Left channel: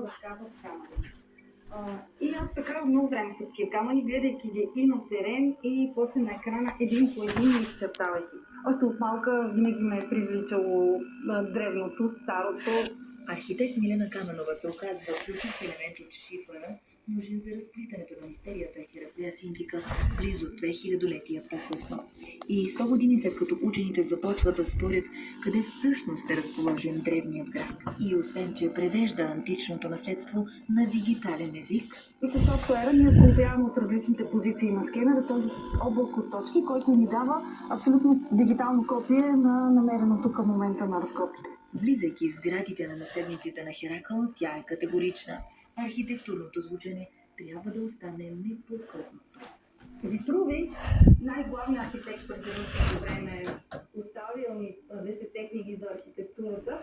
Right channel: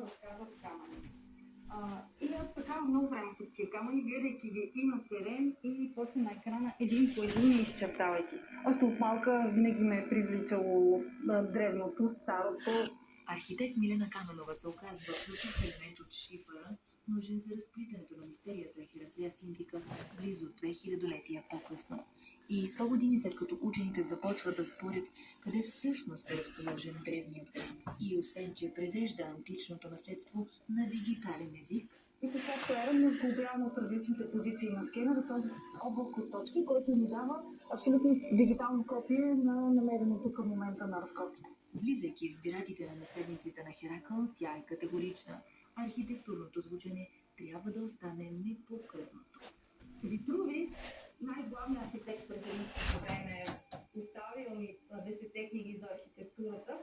какво разказват камъни. И аз така много време с тия камъни, гледайки ги и на терен, и после на екрана, един по един изчертавайки. Още от малка винаги ме е привличало древното, старото. Архитект Милена Каменова се оказва ключов елемент от шифъра, нужен за разплитането на мистерията Хераклея Синтика близо 2000 летия по-късно. И 100 години след като учените започват да спорят къде всъщност е разположен древният град. И освен, че превежда античното наследство на дигитален език, и със софтуера ние установяваме от различните позиции на скенера този облак от точки, който ни дава абсолютно дигитално копие на намереното към момента на разкопките. Влизайки в сградите на наследниците на Херакъл, тя е категорична. Архитектурното звучене трябва да остане непокътнато. Витруви, най-главният архитект през едното време, оставил ни 10 книги за архитектурата,